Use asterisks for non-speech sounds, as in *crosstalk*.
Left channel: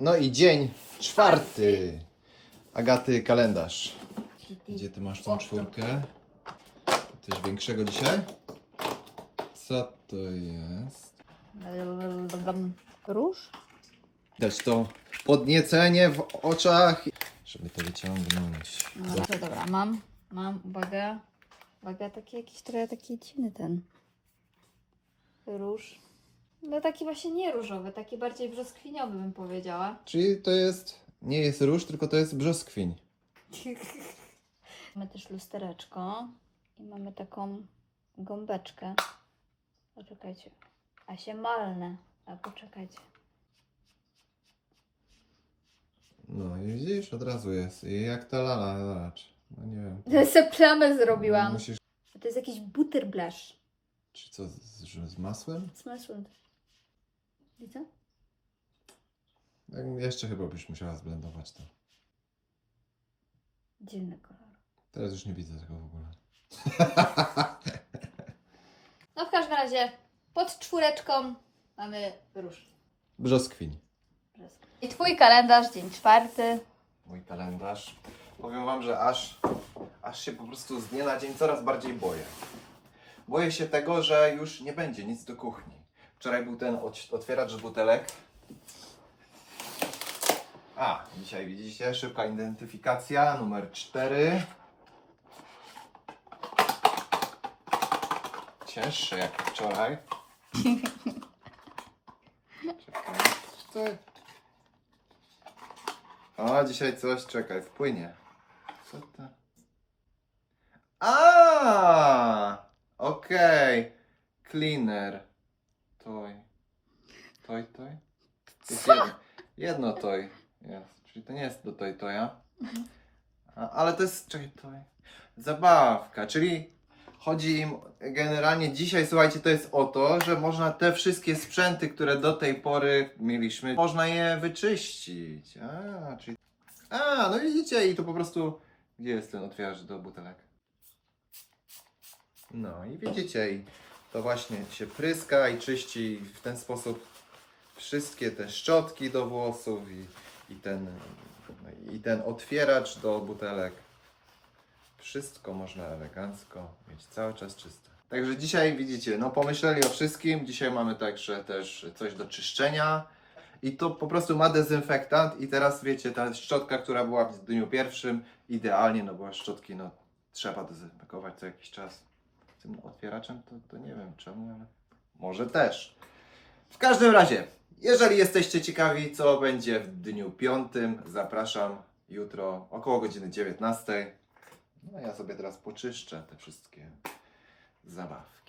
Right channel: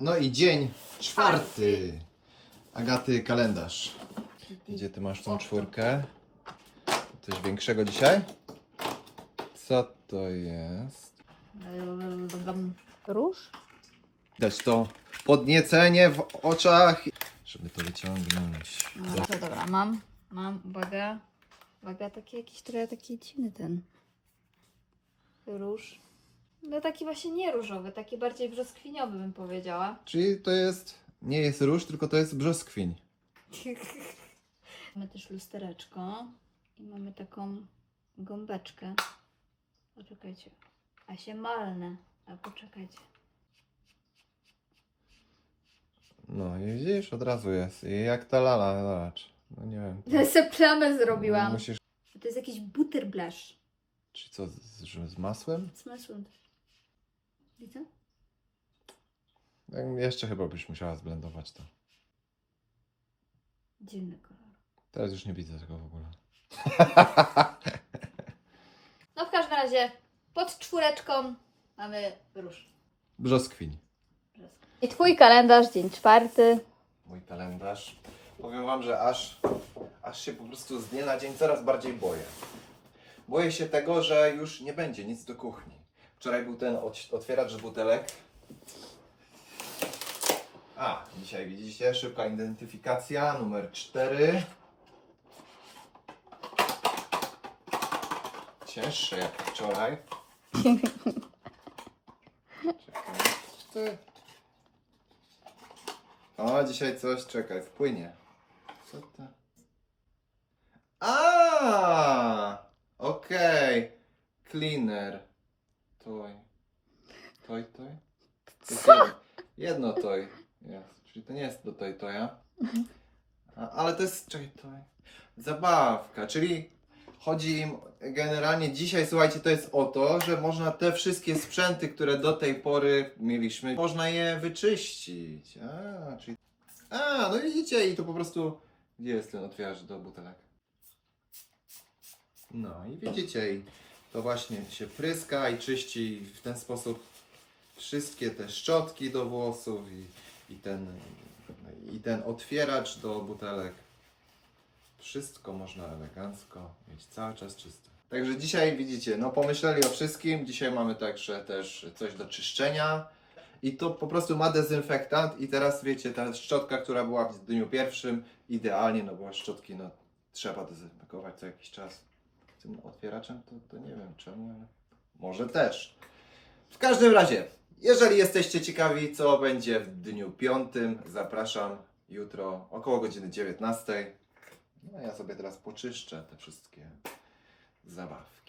No i dzień czwarty. Agaty kalendarz. Gdzie ty masz tą czwórkę? Coś większego dzisiaj? Co to jest? Róż? Dać to podniecenie w oczach, żeby to wyciągnąć. No to dobra, mam, mam, uwaga. Uwaga, taki jakiś trochę taki dziwny ten róż. No taki właśnie nie różowy, taki bardziej brzoskwiniowy bym powiedziała. Czyli to jest, nie jest róż, tylko to jest brzoskwiń. *laughs* mamy też lustereczko i mamy taką gąbeczkę. Poczekajcie. A się malne. A poczekajcie. No i widzisz, od razu jest. I jak ta lala, zobacz. No nie wiem. Ja sobie plamę zrobiłam. Musisz, To jest jakiś butterblash. czy co, z, z, masłem? Z masłem. Widzę? Jeszcze chyba byś musiała zblendować to. Dziwny kolor. Teraz już nie widzę tego w ogóle. *laughs* No w każdym razie pod czwóreczką mamy róż. Brzoskwiń. I twój kalendarz, dzień czwarty. Mój kalendarz. Powiem wam, że aż, aż się po prostu z dnia na dzień coraz bardziej boję. Boję się tego, że już nie będzie nic do kuchni. Wczoraj był ten ot- otwieracz butelek. A, dzisiaj widzicie, szybka identyfikacja, numer 4. Cięższe jak wczoraj. Czekaj? O, dzisiaj coś, czekaj, wpłynie. Co to? A, okej. Cleaner. Toj. Toj, toj? Jest jedno, jedno toj jest. Czyli to nie jest do toj toja. A, ale to jest, czekaj, toj. Zabawka, czyli chodzi im generalnie dzisiaj, słuchajcie, to jest o to, że można te wszystkie sprzęty, które do tej pory mieliśmy, można je wyczyścić. A, czyli... A, no widzicie, i tu po prostu, gdzie jest ten otwieracz do butelek? No i widzicie, i to właśnie się pryska i czyści w ten sposób wszystkie te szczotki do włosów i, i, ten, i ten otwieracz do butelek. Wszystko można elegancko mieć cały czas czyste. Także dzisiaj widzicie, no pomyśleli o wszystkim. Dzisiaj mamy także też coś do czyszczenia. I to po prostu ma dezynfektant i teraz wiecie, ta szczotka, która była w dniu pierwszym, idealnie, no bo szczotki no, trzeba dezynfekować co jakiś czas. Tym otwieraczem to, to nie wiem czemu, ale może też. W każdym razie, jeżeli jesteście ciekawi, co będzie w dniu piątym, zapraszam jutro około godziny 19. No ja sobie teraz poczyszczę te wszystkie zabawki.